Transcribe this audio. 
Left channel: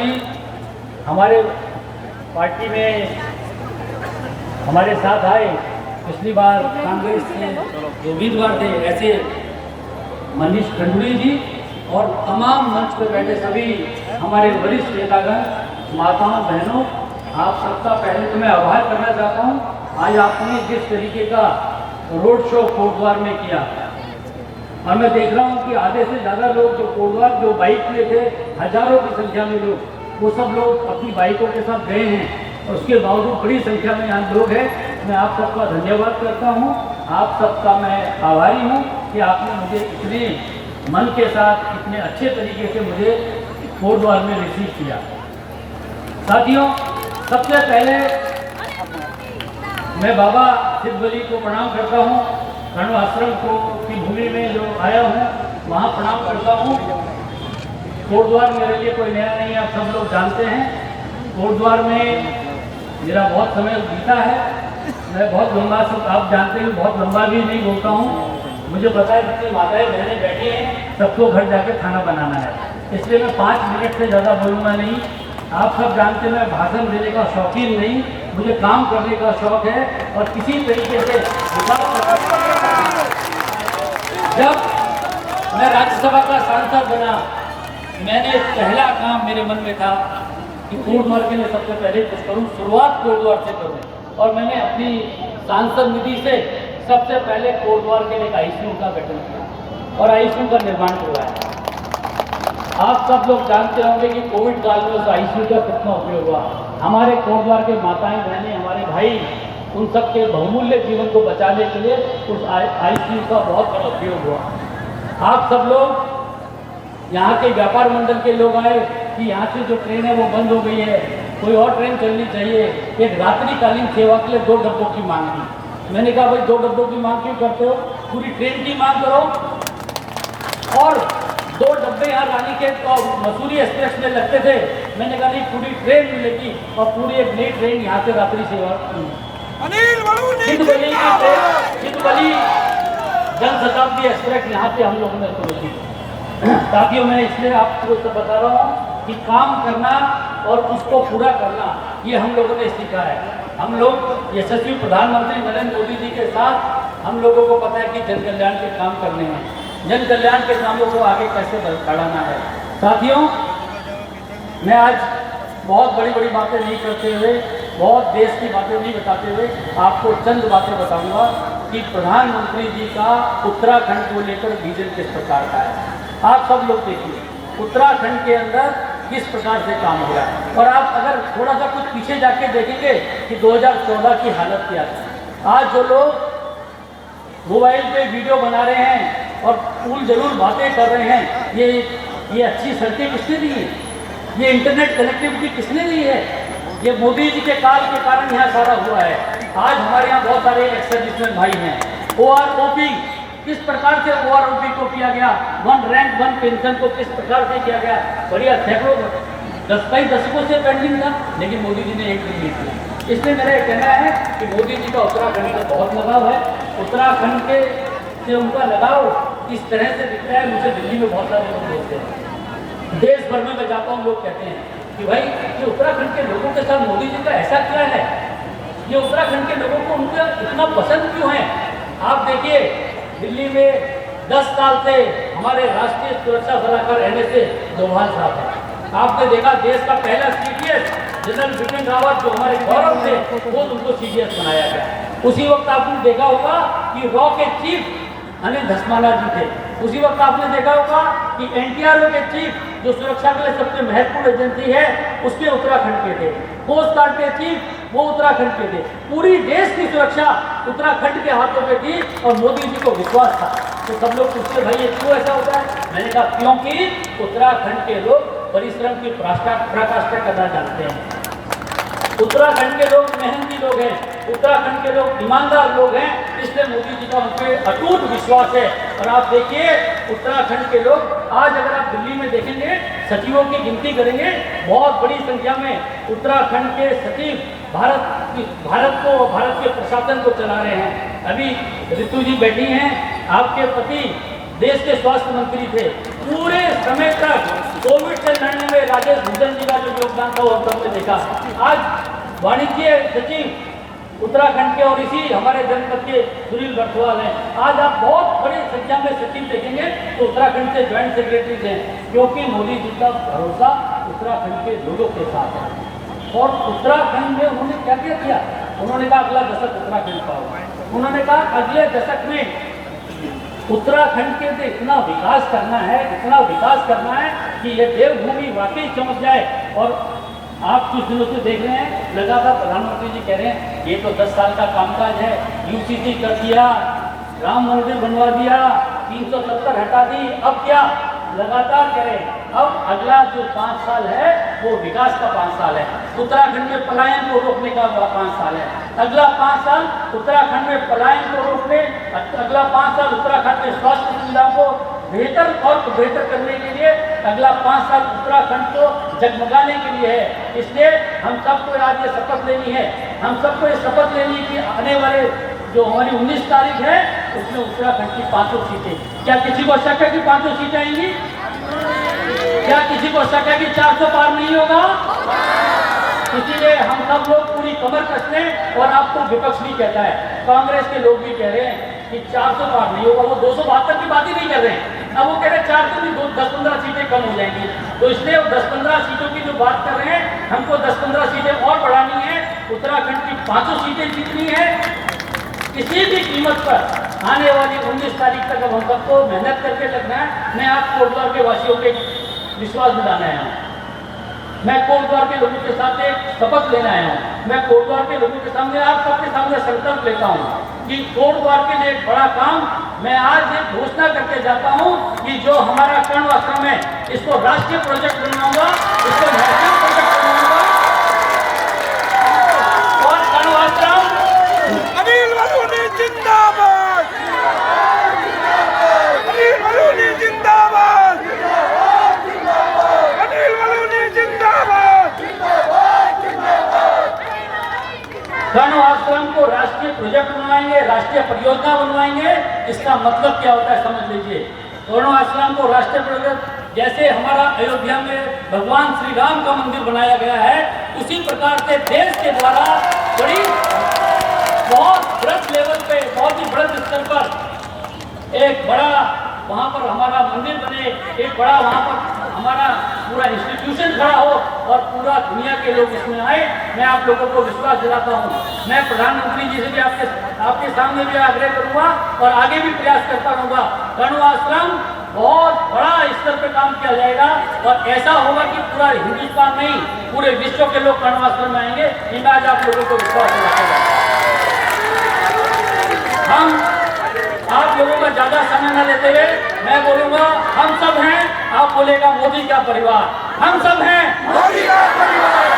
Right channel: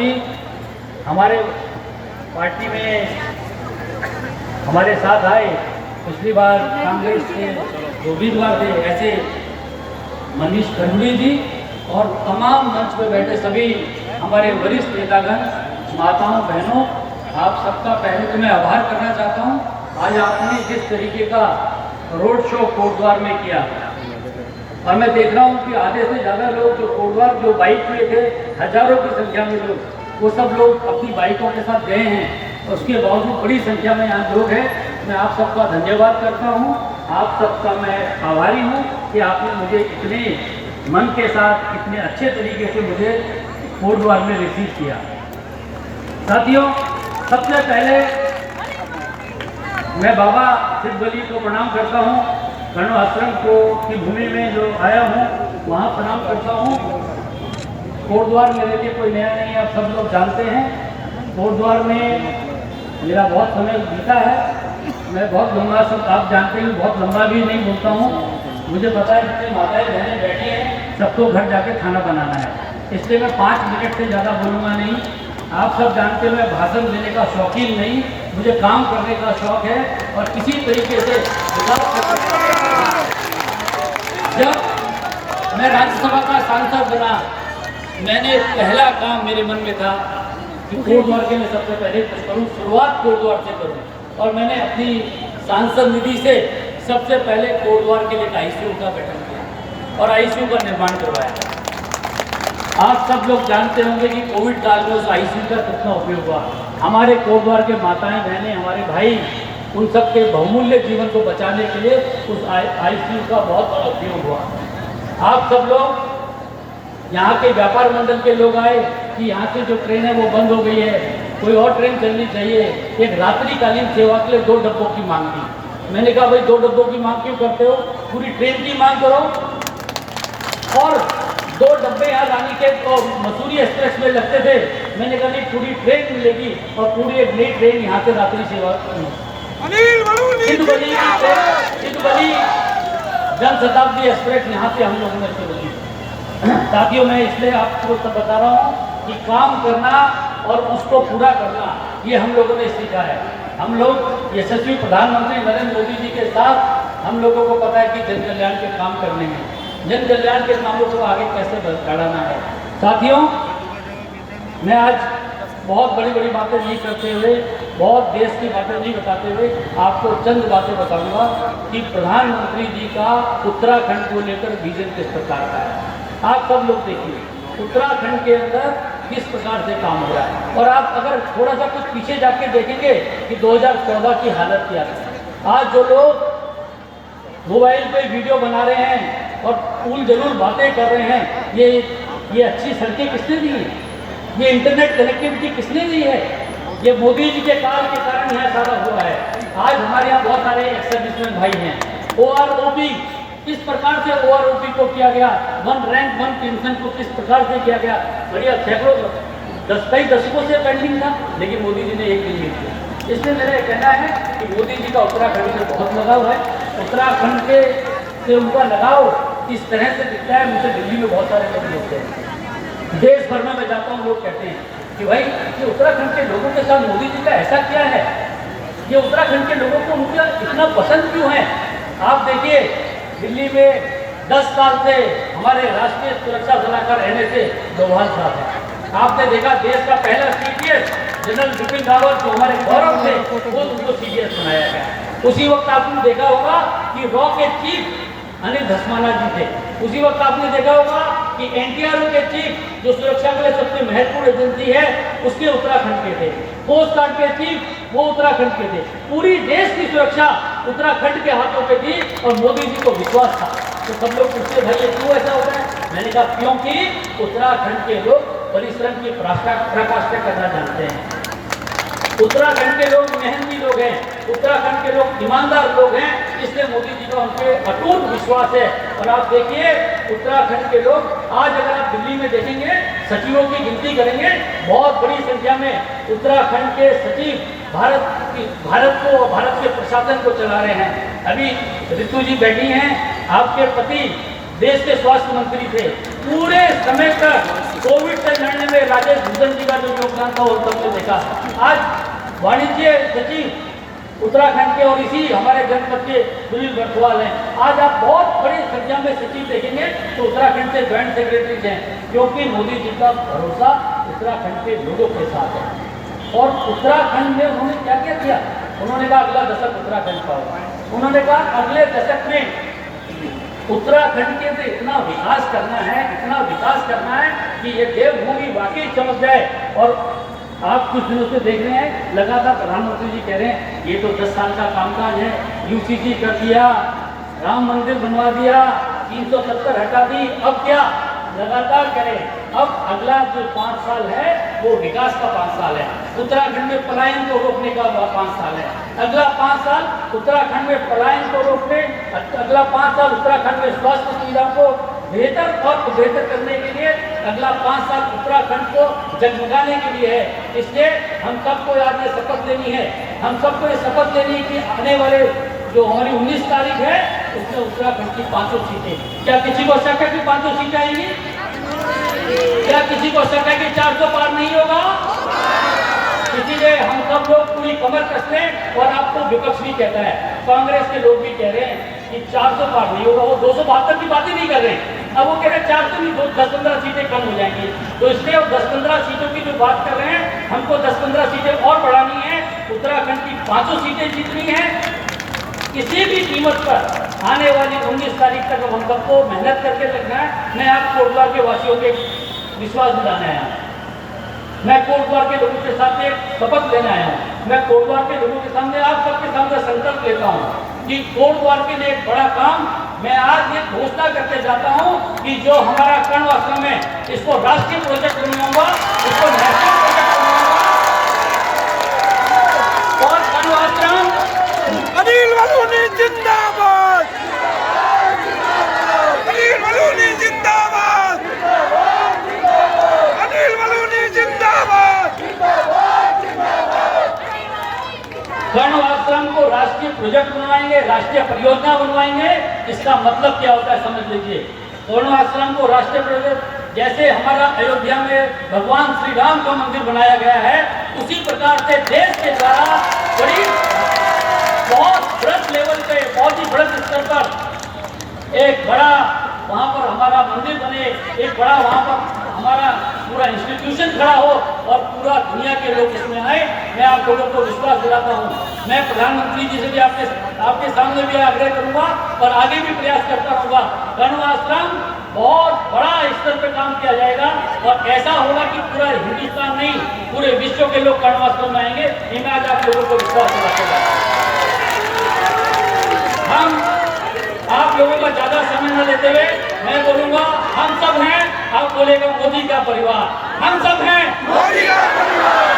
जी हमारे पार्टी में हमारे साथ आए। पिछली बार कांग्रेस के जो उम्मीदवार थे ऐसे मनीष खंडूरी जी और तमाम मंच पर बैठे सभी हमारे वरिष्ठ नेतागण, माताओं बहनों, आप सबका पहले तो मैं आभार करना चाहता हूँ। आज आपने जिस तरीके का रोड शो कोटद्वार में किया और मैं देख रहा हूँ कि आधे से ज़्यादा लोग जो कोटद्वार जो बाइक पे थे, हजारों की संख्या में लोग, वो सब लोग अपनी बाइकों के साथ गए हैं। उसके बावजूद बड़ी संख्या में यहाँ लोग हैं। मैं आप सबका धन्यवाद करता हूँ, आप सबका मैं आभारी हूँ कि आपने मुझे इतने मन के साथ इतने अच्छे तरीके से मुझे कोटद्वार में रिसीव किया। साथियों, सबसे पहले मैं बाबा सिद्ध वली को प्रणाम करता हूँ। कर्ण आश्रम को की भूमि में जो आया हूँ वहाँ प्रणाम करता हूँ। कोटद्वार मेरे लिए कोई नया नहीं है, आप सब लोग जानते हैं। कोटद्वार में मेरा बहुत समय बीता है। मैं बहुत लंबा, सब आप जानते हैं, बहुत लंबा भी नहीं बोलता हूँ। मुझे पता है जितनी माताएं बहनें बैठी हैं सबको घर जाके खाना बनाना है, इसलिए मैं 5 मिनट से ज़्यादा बोलूँगा नहीं। आप सब जानते हैं मैं भाषण देने का शौकीन नहीं, मुझे काम करने का शौक है और किसी तरीके से जब मैं राज्यसभा का सांसद बना, मैंने पहला काम मेरे मन में था कि कोटद्वार के लिए सबसे पहले कुछ करूँ, शुरुआत कोटद्वार से करूँ। और मैंने अपनी सांसद निधि से सबसे पहले कोटद्वार के लिए एक ICU का गठन किया और ICU का निर्माण करवाया। आप सब लोग जानते होंगे कि कोविड काल में उस ICU का कितना उपयोग हुआ। हमारे कोटद्वार के माताएं बहनें, हमारे भाई, उन सब के बहुमूल्य जीवन को बचाने के लिए उस ICU का बहुत बड़ा उपयोग हुआ। आप सब लोग यहाँ के व्यापार मंडल के लोग आए कि यहाँ से जो ट्रेन है वो बंद हो गई है, कोई और ट्रेन चलनी चाहिए। एक रात्रिकालीन सेवा के लिए 2 डब्बों की मांग की। मैंने कहा भाई 2 डब्बों की मांग क्यों करते हो, पूरी ट्रेन की मांग करो। और 2 डब्बे यहाँ रानी के मसूरी एक्सप्रेस में लगते थे। मैंने कहा नहीं, पूरी ट्रेन मिलेगी और पूरी एक नई ट्रेन यहाँ से रात्रि सेवा सिद्धवली की ट्रेन, सिद्धवली जनशताब्दी एक्सप्रेस यहाँ से हम लोगों ने शुरू की। साथियों, मैं इसलिए आपको सब बता रहा हूँ कि काम करना और उसको पूरा करना ये हम लोगों ने सीखा है। हम लोग यशस्वी प्रधानमंत्री नरेंद्र मोदी जी के साथ हम लोगों को पता है कि जन कल्याण के काम करने हैं, जन कल्याण के कामों को आगे कैसे बढ़ाना है। साथियों, मैं आज बहुत बड़ी बड़ी बातें नहीं करते हुए, बहुत देश की बातें नहीं बताते हुए आपको चंद बातें बताऊंगा कि प्रधानमंत्री जी का उत्तराखंड को लेकर विजन किस प्रकार का है। आप सब लोग देखिए उत्तराखंड के अंदर किस प्रकार से काम हो रहा है। और आप अगर थोड़ा सा कुछ पीछे जाके देखेंगे कि 2014 की हालत क्या थी। आज जो लोग मोबाइल पे वीडियो बना रहे हैं और फूल जरूर बातें कर रहे हैं, ये अच्छी सड़कें किसने दी है, ये इंटरनेट कनेक्टिविटी किसने दी है, ये मोदी जी के काल के कारण यहाँ सारा हुआ है। आज हमारे यहाँ बहुत सारे एक्स सर्विसमैन भाई हैं। OROP किस प्रकार से OROP को किया गया, 1 रैंक 1 पेंशन को किस प्रकार से किया गया। बढ़िया, सैकड़ों कई दशकों से पेंडिंग था, लेकिन मोदी जी ने एक दिन नहीं किया। इसलिए मेरा ये कहना है कि मोदी जी का उत्तराखंड में बहुत लगाव है। उत्तराखंड से उनका लगाव इस तरह से दिखता है। मुझे दिल्ली में बहुत सारे लोग मिलते हैं, देश भर में मैं जाता हूँ, लोग कहते हैं कि भाई ये उत्तराखंड के लोगों के साथ मोदी जी का ऐसा क्या है, ये उत्तराखंड के लोगों को उनका इतना पसंद क्यों है। आप देखिए दिल्ली में 10 साल से हमारे राष्ट्रीय सुरक्षा सलाहकार NSA डोभाल साहब हैं। आपने देखा देश का पहला CDS जनरल बिपिन रावत जो हमारे गौरव थे, वो उनको CDS बनाया गया। उसी वक्त आपने देखा होगा कि रॉ के चीफ अनिल धस्माना जी थे। उसी वक्त आपने देखा होगा कि NTRO के चीफ जो सुरक्षा के लिए सबसे महत्वपूर्ण एजेंसी है उसके उत्तराखंड के थे। कोस्ट गार्ड के चीफ वो उत्तराखंड के थे। पूरी देश की सुरक्षा उत्तराखंड के हाथों पे थी और मोदी जी को विश्वास था। तो सब लोग पूछते भाई ये क्यों ऐसा होता है। मैंने कहा क्योंकि उत्तराखंड के लोग परिश्रम की पराकाष्ठा करना जानते हैं। उत्तराखंड के लोग मेहनती लोग हैं, उत्तराखंड के लोग ईमानदार लोग हैं, इसलिए मोदी जी का उन पर अटूट विश्वास है। और आप देखिए उत्तराखंड के लोग, आज अगर आप दिल्ली में देखेंगे सचिवों की गिनती करेंगे, बहुत बड़ी संख्या में उत्तराखंड के सचिव भारत के प्रशासन को चला रहे हैं। अभी ऋतु जी बैठी हैं, आपके पति देश के स्वास्थ्य मंत्री थे, पूरे समय तक कोविड से लड़ने में राजेश भूषण जी का जो योगदान था वो सबने देखा। आज वाणिज्य सचिव उत्तराखंड के और इसी हमारे जनपद के सुनील बरथवाल हैं। आज आप बहुत बड़ी संख्या में सचिव देखेंगे तो उत्तराखंड से ज्वाइंट सेक्रेटरीज हैं, क्योंकि मोदी जी का भरोसा उत्तराखंड के लोगों के साथ है। और उत्तराखंड में उन्होंने क्या क्या किया? उन्होंने कहा अगला दशक उत्तराखंड का होगा। उन्होंने कहा अगले दशक में उत्तराखंड के अंदर इतना विकास करना है, इतना विकास करना है कि ये देवभूमि वाकई चमक जाए। और आप कुछ दिनों से देख रहे हैं लगातार प्रधानमंत्री जी कह रहे हैं ये तो 10 साल का कामकाज है, यूसीसी कर दिया, राम मंदिर बनवा दिया, 370 हटा दी, अब क्या? लगातार करें। अब अगला जो 5 साल है वो विकास का 5 साल है। उत्तराखंड में पलायन को रोकने का 5 साल है। अगला 5 साल उत्तराखंड में पलायन को रोकने, अगला 5 साल उत्तराखंड में स्वास्थ्य सुविधाओं को बेहतर और बेहतर करने के लिए, अगला 5 साल उत्तराखंड को जगमगाने के लिए है। इसलिए हम सबको आज ये शपथ लेनी है, हम सबको ये शपथ लेनी है कि आने वाले जो हमारी 19 तारीख है उसमें उत्तराखंड की 5 सीटें, क्या किसी को शक है कि 5 सीटें आएंगी? क्या किसी को शक है कि 400 पार नहीं होगा? इसीलिए हम सब लोग पूरी कमर कसते हैं। और आपको विपक्ष भी कहता है, कांग्रेस के लोग भी कह रहे हैं कि 400 पार नहीं होगा, वो 272 की बात ही नहीं कर रहे हैं। अब वो कह रहे हैं 400 नहीं, 10-15 सीटें कम हो जाएंगी। तो इसलिए 10-15 सीटों की जो बात कर रहे हैं, हमको 10-15 सीटें और बढ़ानी है। उत्तराखंड की 5 सीटें जीतनी है किसी भी कीमत पर। आने वाली 19 तारीख तक अब हम सबको मेहनत करके लगना है। मैं आप कोटद्वार के वासियों के विश्वास दिलाने आया हूँ, मैं कोटद्वार के लोगों के साथ एक शपथ लेने आया हूँ। मैं कोटद्वार के लोगों के सामने, आप सबके सामने संकल्प लेता हूँ कि कोटद्वार के लिए एक बड़ा काम मैं आज एक घोषणा करके जाता हूँ कि जो हमारा कर्ण आश्रम है इसको राष्ट्रीय प्रोजेक्ट बनवाऊंगा, इसको नेशनल प्रोजेक्ट बनवाऊंगा। और कर्ण आश्रम अनिल बलूनी जिंदाबाद, अनिल बलूनी जिंदाबाद, अनिल बलूनी जिंदाबाद। कर्ण आश्रम को राष्ट्रीय प्रोजेक्ट बनवाएंगे, राष्ट्रीय परियोजना बनवाएंगे। इसका मतलब क्या होता है समझ लीजिए। कर्ण आश्रम को राष्ट्रीय प्रोजेक्ट, जैसे हमारा अयोध्या में भगवान श्री राम का मंदिर बनाया गया है, उसी प्रकार से देश के द्वारा बड़ी बहुत बृहद लेवल पे, बहुत ही बृहद स्तर पर एक बड़ा वहाँ पर हमारा मंदिर बने, एक बड़ा वहाँ पर हमारा पूरा इंस्टीट्यूशन खड़ा हो और पूरा दुनिया के लोग इसमें आए। मैं आप लोगों को विश्वास दिलाता हूँ। मैं प्रधानमंत्री जी से भी आपके सामने भी आग्रह करूँगा और आगे भी प्रयास करता रहूँगा। कर्ण आश्रम बहुत बड़ा स्तर पर काम किया जाएगा और ऐसा होगा कि पूरा हिंदुस्तान नहीं, पूरे विश्व के लोग कर्ण आश्रम में आएंगे। इनका आज आप लोगों को विश्वास दिलाते हैं। हम आप लोगों का ज्यादा समय न लेते हुए मैं बोलूंगा, हम सब हैं, आप बोलेगा मोदी का परिवार, हम सब हैं मोदी का परिवार।